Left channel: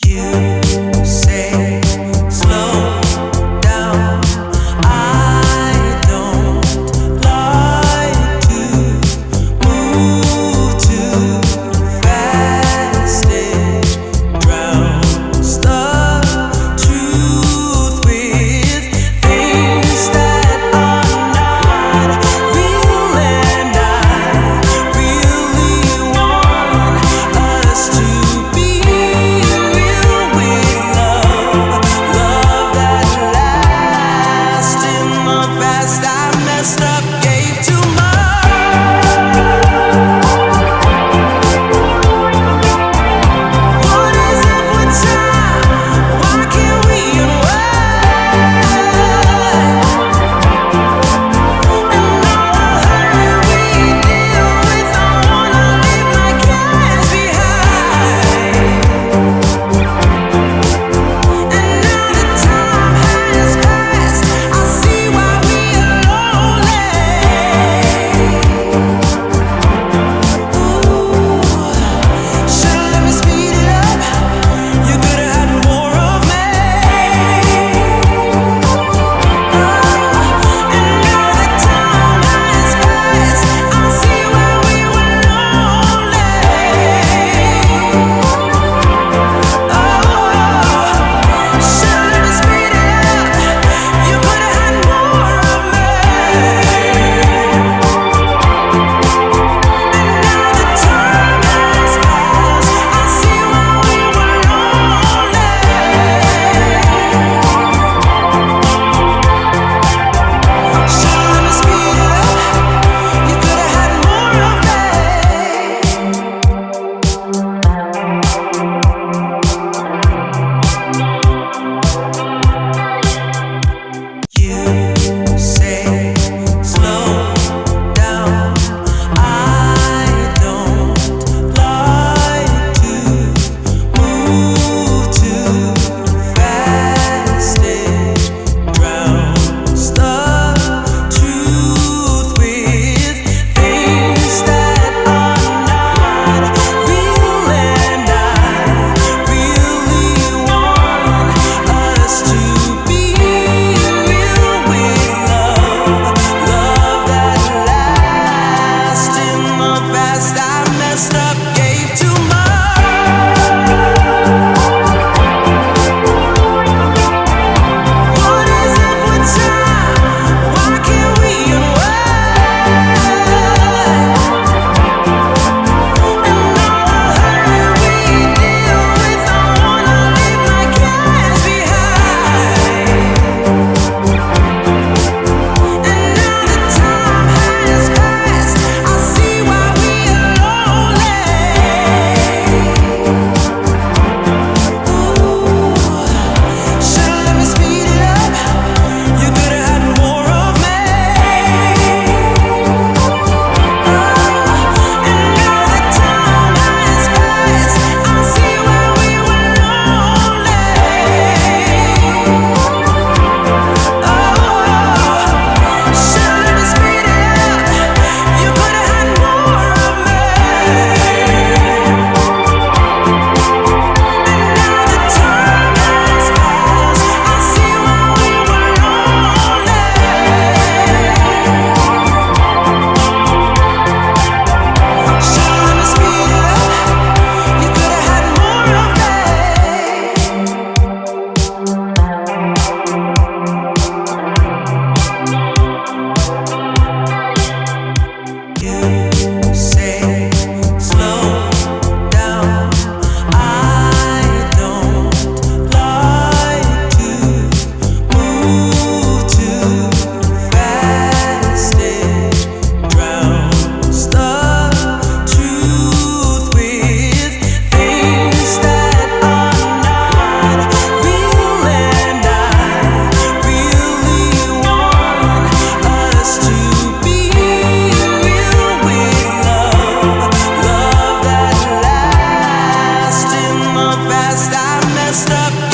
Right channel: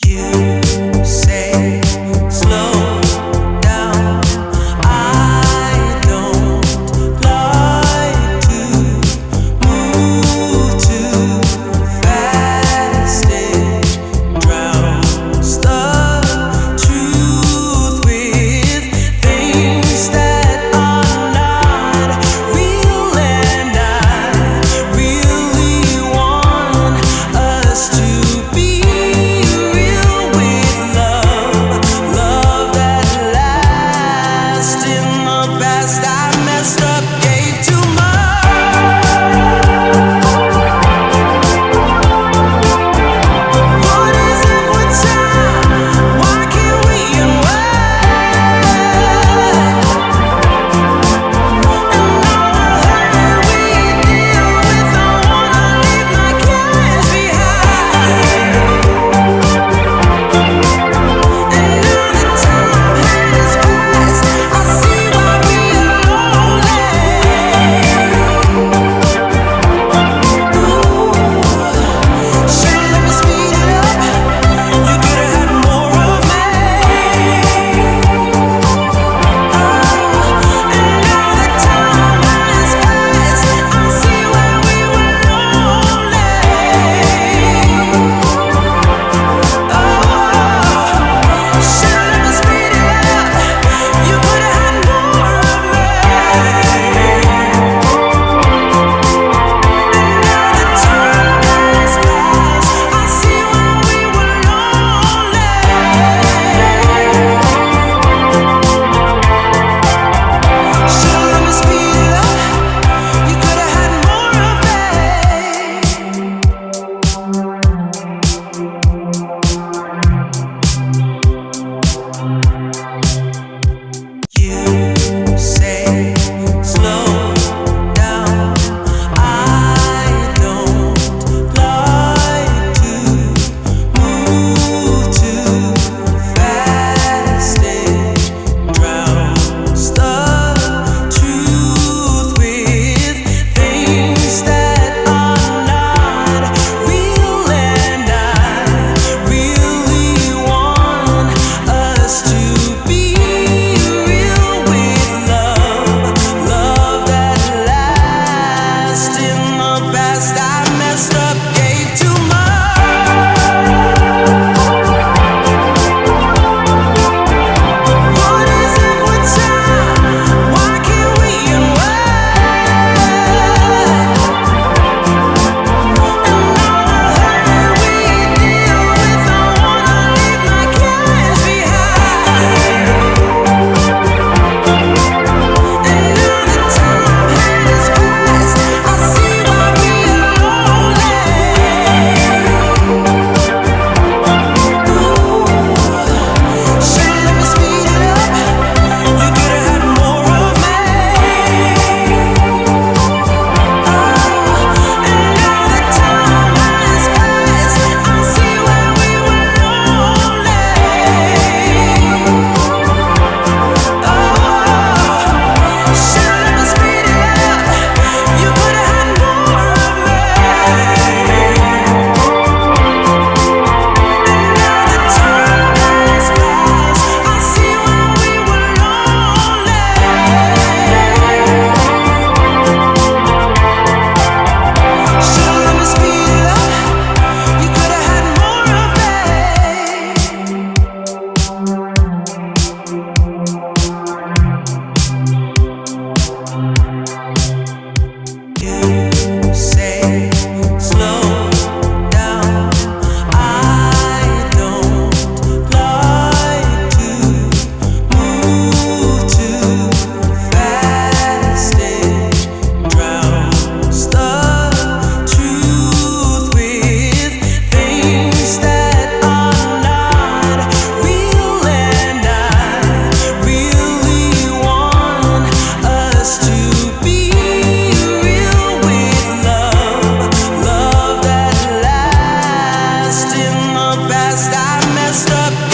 You say slow down. I don't like to move too fast. It drowns the truth with things that are not real, and I really want us to be past. I messed up, gave too much. What is it with time? Why can't we unwind? And all the hurt we deal with, I wanna leave my cares behind. And now the time has passed, I see why past. I messed up, gave too much. What is it with time? Why can't we unwind? And all the hurt we deal with, I wanna leave my cares behind. And now the time has passed, I see why. You say slow down. I don't like to move too fast. It drowns the truth with things that are not real, and I really want us to be past. I messed up.